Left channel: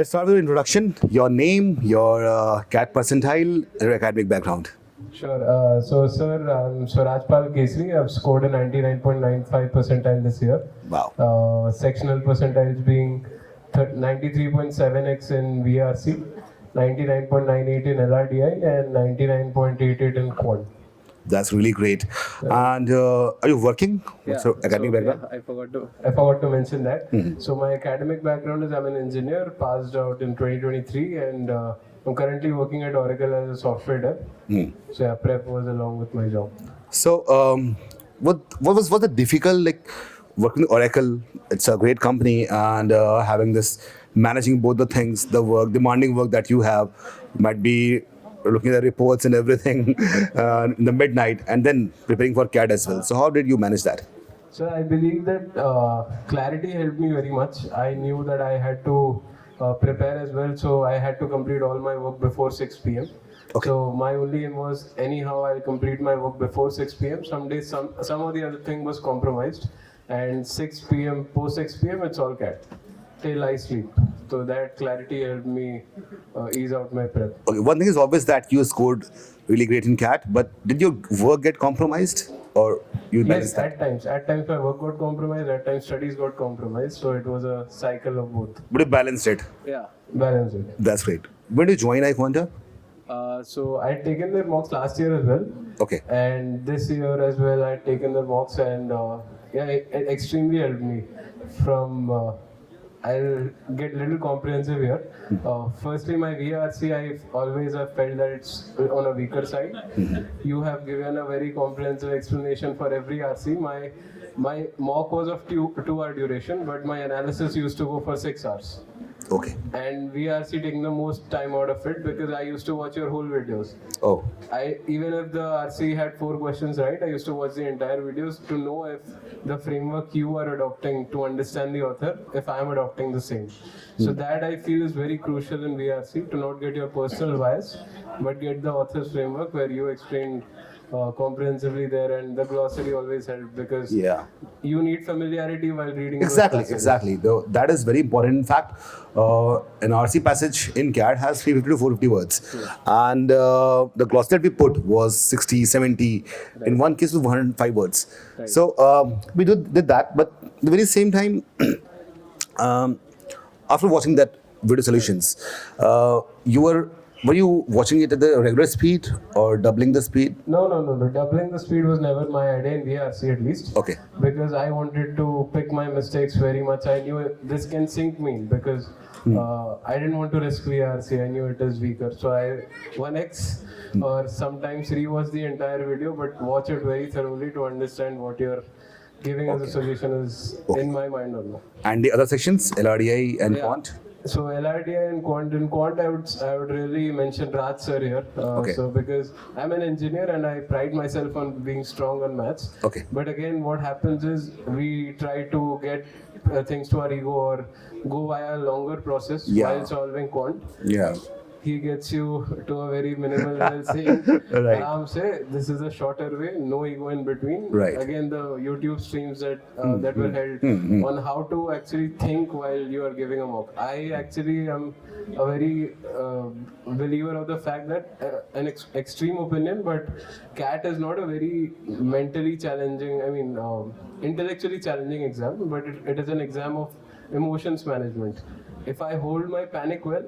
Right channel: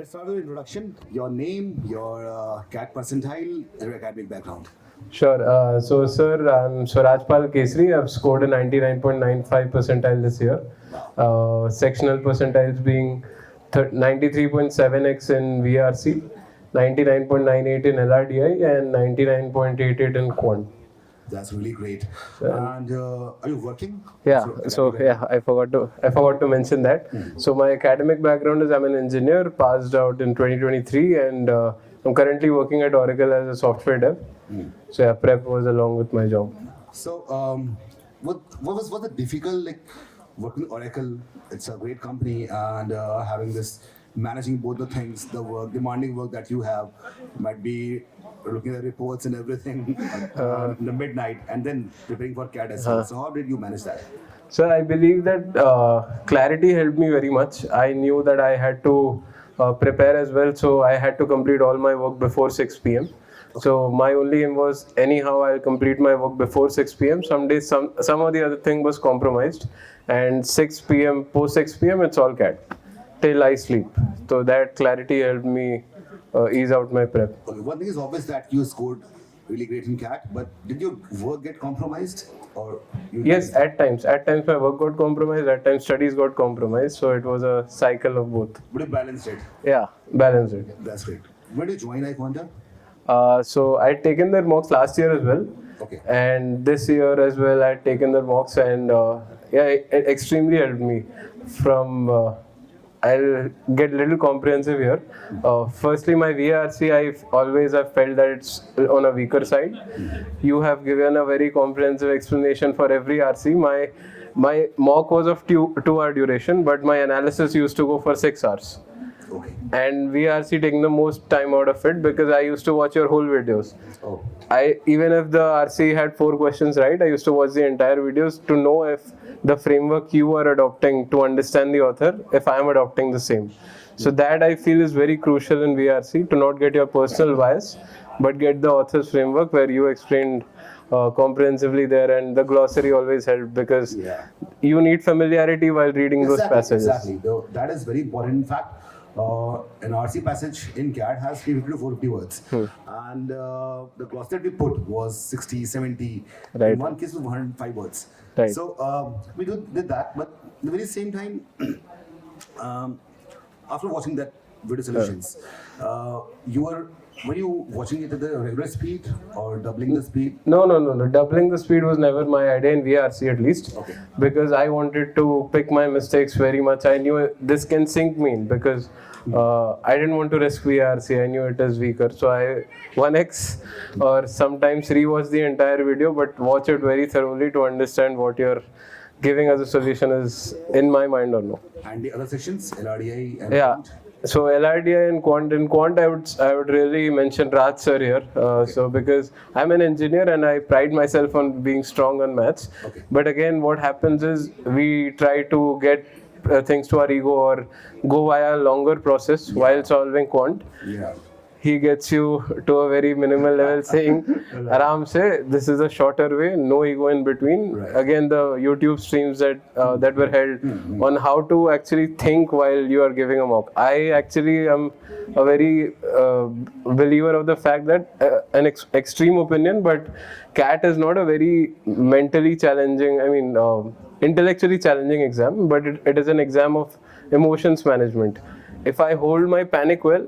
Let's start with your introduction, your name, your CAT percentile, your academic background. Sure. Sir, I'm Swaraj Kesri. I've scored a 99.95 percentile this year. Wow. Sectional percentiles being 93.7x in VARC, 99.98 in LRDI, and 99.88 in Quant. That's really great. And are you working? Yeah. Academic background? I forgot to mention that. So my academic background is I'm an engineer, passed out in 2023, and I'm currently working at Oracle as a software dev. So yeah, prep was along with my job. So what was the difficult like working with Oracle? It's a great company, and having this managing both the things, the work, demanding work that you have, might be looking at reports and everything in the midnight, and then preparing for CAT as well. So how did you manage that? So I believe that clarity helped me very much. I knew that I had to prepare as well, so I had to complete all my work before 6 p.m. Okay. So my only aim was anyhow I'll complete my work before 6 p.m. Some days some of the other thing was compromised, and 6 p.m. post 6 p.m. it's all CAT till I sleep. So that clarity helped me ease out my prep. Okay, one thing is obvious that you scored really great in CAT, but did your work get compromised, or you? Yes, at times my work got compromised. At times studies got compromised. So it was a cycle of both. But you balanced it. Yeah, balanced it. That's great. When did you join iQuanta? So I'd taken their mocks last year as well. Okay. And this year as well, I'd taken their mocks, and it extremely helped me. From I'll get a little comprehensive here. Firstly, my VARC, I've felt that it's on a weaker side. You have given a very comprehensive explanation for every RC. My mock was of 2-hour duration, but my analysis used to go for 6 hours. Okay. And VARC taking the most time out of it because I used to watch your whole videos. Oh. Even if the RC had 4 questions right, I used to watch the entire videos to know if the framework you are adopting to understand the author, if I am adopting the same. So that I feel is very crucial in VARC, to not get your personal bias, but get the author's framework where you explained comprehensively there, and the glossary always helped because you need familiarity while reading those passages. Exactly. That is very important. In fact, an RC passage in CAT has 350 to 450 words, and the glossary that we put was 60, 70. In one case, it was 105 words. Right. So we did that, but at the very same time, after watching that video solutions, were you watching it at the regular speed or doubling the speed? No. Doubling the speed was never my idea in VARC, at least. Okay. Because I wanted to pick my mistakes very much. I knew this can sink me because I didn't want to risk VARC. I knew it is weaker. So I 1x or sometimes rewatch the entire video, but watch it very thoroughly to understand what you're giving as a solution is in my mind or no. And the other sections, LRDI and Quant? So LRDI and Quant. In Quant, I would really mention Raj sir here. So because I'm an engineer and I pride myself on being strong on maths. Okay. But again, what happens is we try to get things to our ego or go via a longer process while solving Quant. Yeah. He gets you to a very minimal level saying, Aram se, this is a shorter way, no ego in between. Right. Again, the YouTube streams that were held on how to actually think while you are giving a mock. I actually am a very believer of the fact that an extreme opinion, but CAT is not a very mentally challenging, intellectually challenging exam, but it is an exam of emotions management. If I hold my panic well,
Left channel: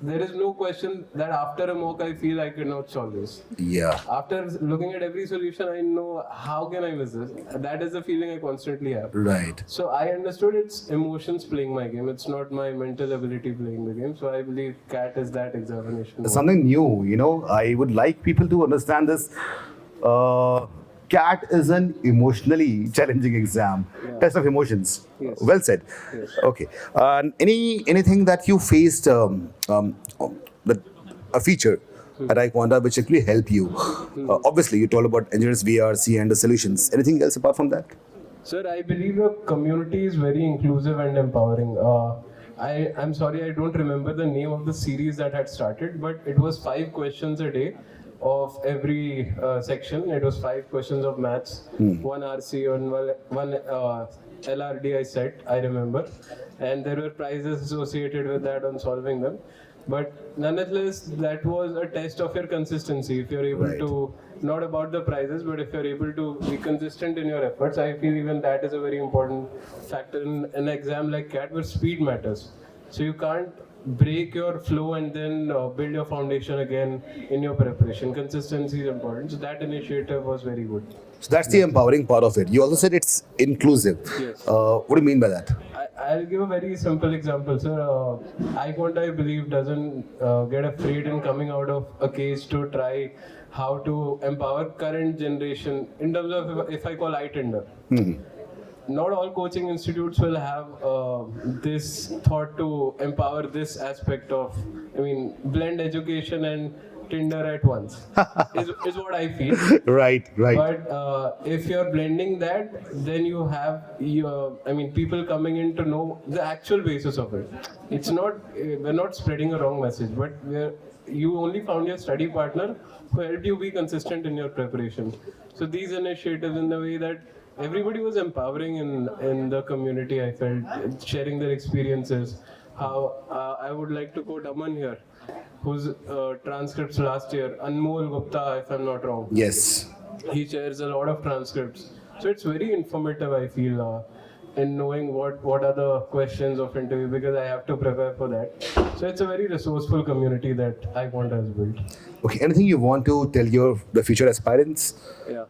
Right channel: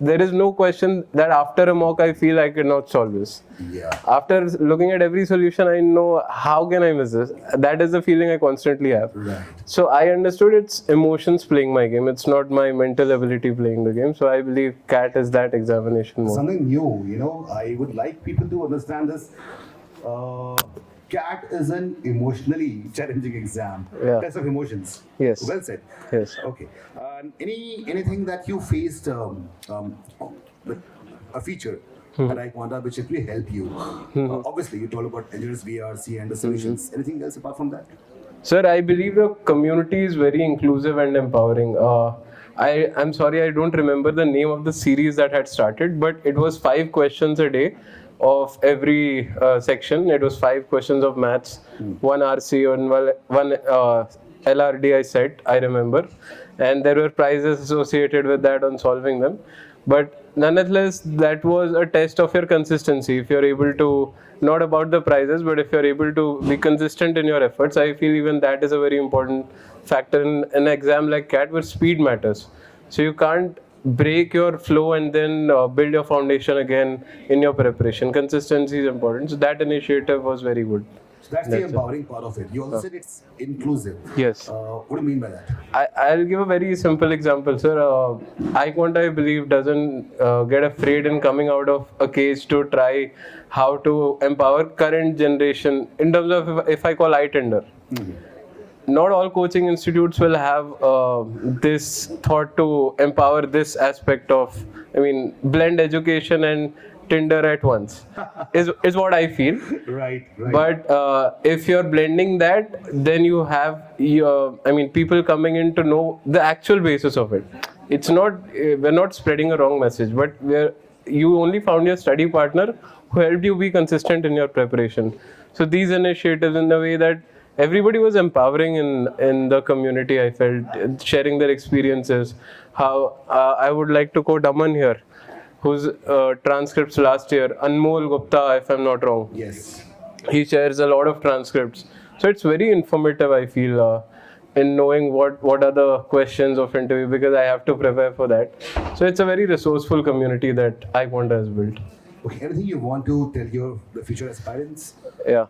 there is no question that after a mock I feel I cannot solve this. Yeah. After looking at every solution, I know how can I miss this. That is the feeling I constantly have. Right. So I understood it's emotions playing my game. It's not my mental ability playing the game. So I believe CAT is that examination. Something new, I would like people to understand this. CAT is an emotionally challenging exam. Test of emotions. Yes. Well said. Yes. Okay. Anything that you faced, a feature at iQuanta which actually help you? Obviously, you told about engineers, VARC, and the solutions. Anything else apart from that? Sir, I believe the community is very inclusive and empowering. I'm sorry, I don't remember the name of the series that had started, but it was 5 questions a day of every section. It was 5 questions of maths, 1 RC and one LRDI set, I remember, and there were prizes associated with that on solving them. But nonetheless, that was a test of your consistency. If you're able to, not about the prizes, but if you're able to be consistent in your efforts, I feel even that is a very important factor in an exam like CAT, where speed matters. So you can't break your flow and then build your foundation again in your preparation. Consistency is important. So that initiative was very good. So that's the empowering part of it. You also said it's inclusive. Yes. What do you mean by that? I'll give a very simple example, sir. iQuanta, I believe, doesn't get afraid in coming out of a case to try how to empower current generation in terms of, if I call iTender. Not all coaching institutes will have this thought to empower this aspect of, blend education and Tinder at once is what I feel. Right. But if you're blending that, then you have people coming in to know the actual basis of it. It's not, we're not spreading a wrong message, but you only found your study partner who helped you be consistent in your preparation. So these initiatives, in the way that everybody was empowering in the community, I felt, sharing their experiences. How I would like to quote Aman here, whose transcripts last year, Anmol Gupta, if I'm not wrong. Yes. He shares a lot of transcripts. So it's very informative, I feel, in knowing what are the questions of interview, because I have to prepare for that. So it's a very resourceful community that iQuanta has built. Okay, anything you want to tell the future aspirants? Yeah.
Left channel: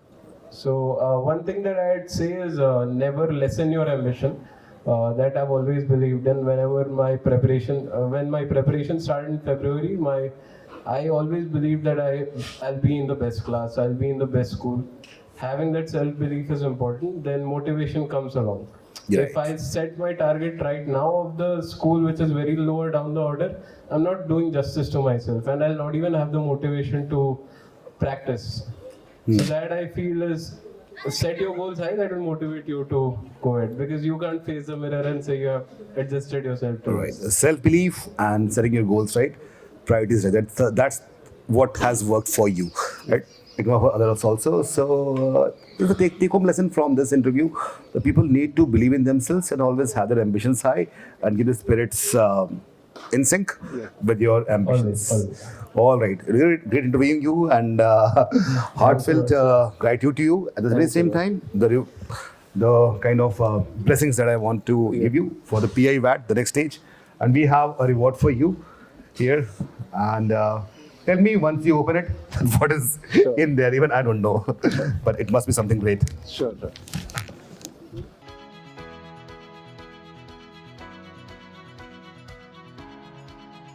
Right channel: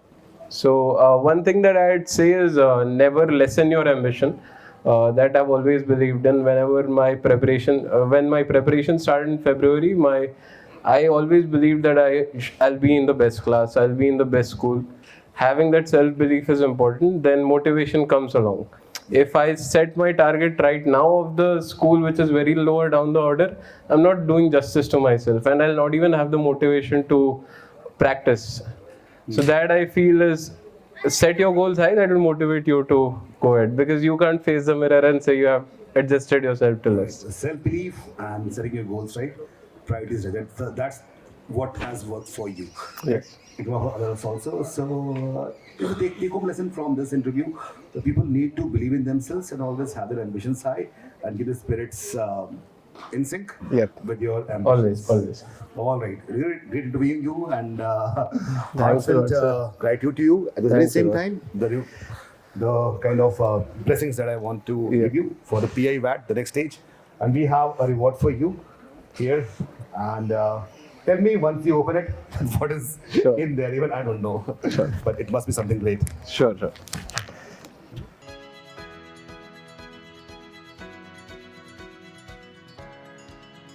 So one thing that I'd say is never lessen your ambition. That I've always believed in. Whenever my preparation, when my preparation started in February, I always believed that I'll be in the best class, I'll be in the best school. Having that self-belief is important. Then motivation comes along. Yeah. If I set my target right now of the school, which is very lower down the order, I'm not doing justice to myself, and I'll not even have the motivation to practice. So that I feel is, set your goals high, that will motivate you to go ahead, because you can't face the mirror and say you have adjusted yourself to right. Self-belief and setting your goals right, priorities right. That's what has worked for you. Right? It worked for others also. So take-home lesson from this interview: the people need to believe in themselves and always have their ambitions high and keep the spirits in sync with your ambitions. Always. All right, really great interviewing you, and heartfelt gratitude to you. At the very same time, the kind of blessings that I want to give you for the PI VAT, the next stage, and we have a reward for you here. And tell me once you open it, what is in there? Even I don't know, but it must be something great. Sure.